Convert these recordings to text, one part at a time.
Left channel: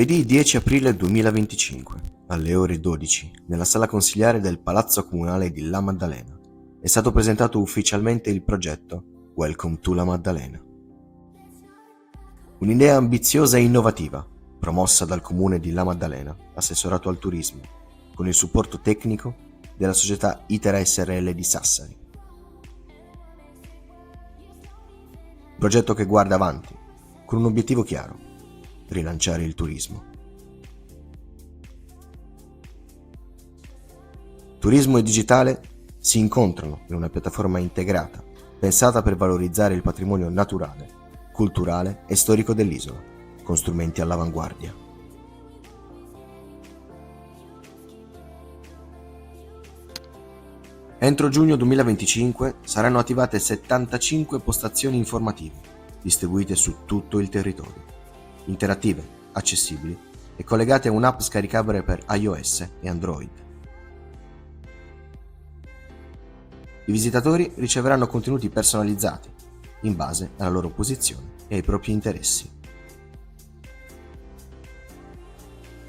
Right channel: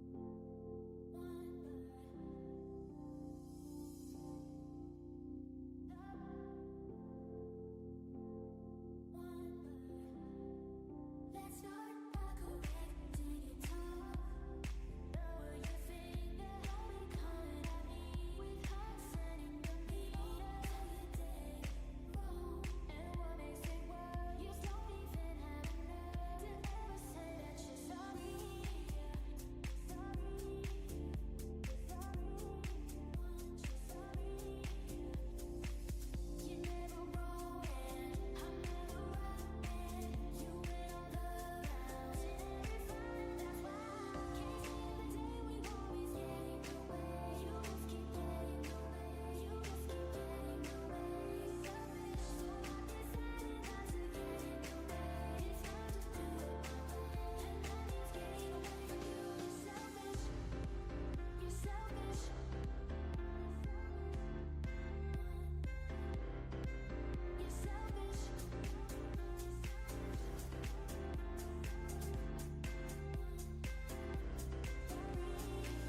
Giovedì 10 aprile 2025, alle ore 12, nella sala consigliare del Palazzo Comunale di La Maddalena, è stato presentato ufficialmente il progetto Welcome to La Maddalena. Un'idea ambiziosa e innovativa, promossa dal Comune di La Maddalena, assessorato al turismo, con il supporto tecnico della società Itera SRL di Sassari. Progetto che guarda avanti, con un obiettivo chiaro: rilanciare il turismo. Turismo e digitale si incontrano in una piattaforma integrata, pensata per valorizzare il patrimonio naturale, culturale e storico dell'isola, con strumenti all'avanguardia. Entro giugno 2025 saranno attivate 75 postazioni informative, distribuite su tutto il territorio, interattive, accessibili e collegate a un'app scaricabile per iOS e Android. I visitatori riceveranno contenuti personalizzati in base alla loro posizione e ai propri interessi.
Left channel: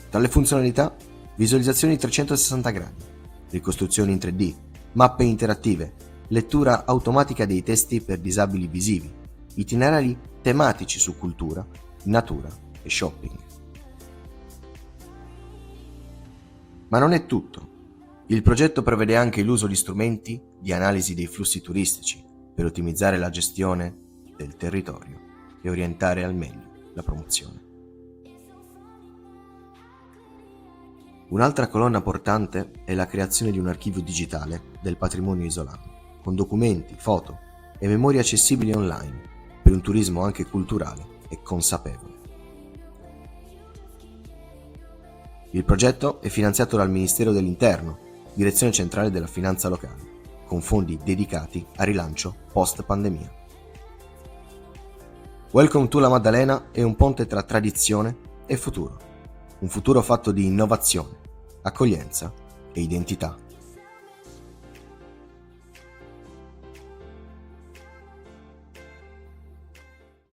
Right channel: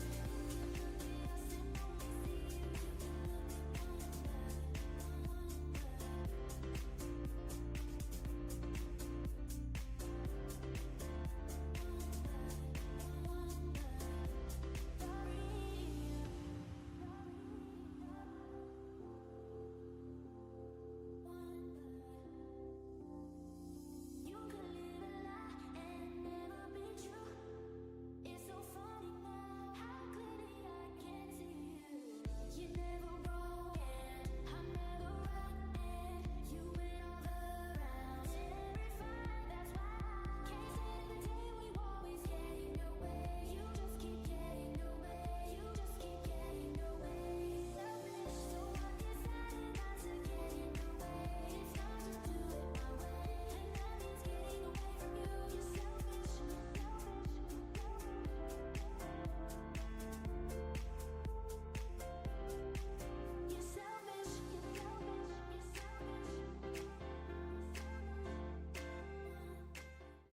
Tra le funzionalità, visualizzazioni 360 gradi, ricostruzioni in 3D, mappe interattive, lettura automatica dei testi per disabili visivi, itinerari tematici su cultura, natura e shopping. Ma non è tutto. Il progetto prevede anche l'uso di strumenti di analisi dei flussi turistici per ottimizzare la gestione del territorio e orientare al meglio la promozione. Un'altra colonna portante è la creazione di un archivio digitale del patrimonio isolano, con documenti, foto e memorie accessibili online per un turismo anche culturale e consapevole. Il progetto è finanziato dal Ministero dell'Interno, Direzione Centrale della Finanza Locale, con fondi dedicati al rilancio post-pandemia. Welcome to La Maddalena è un ponte tra tradizione e futuro, un futuro fatto di innovazione, accoglienza e identità.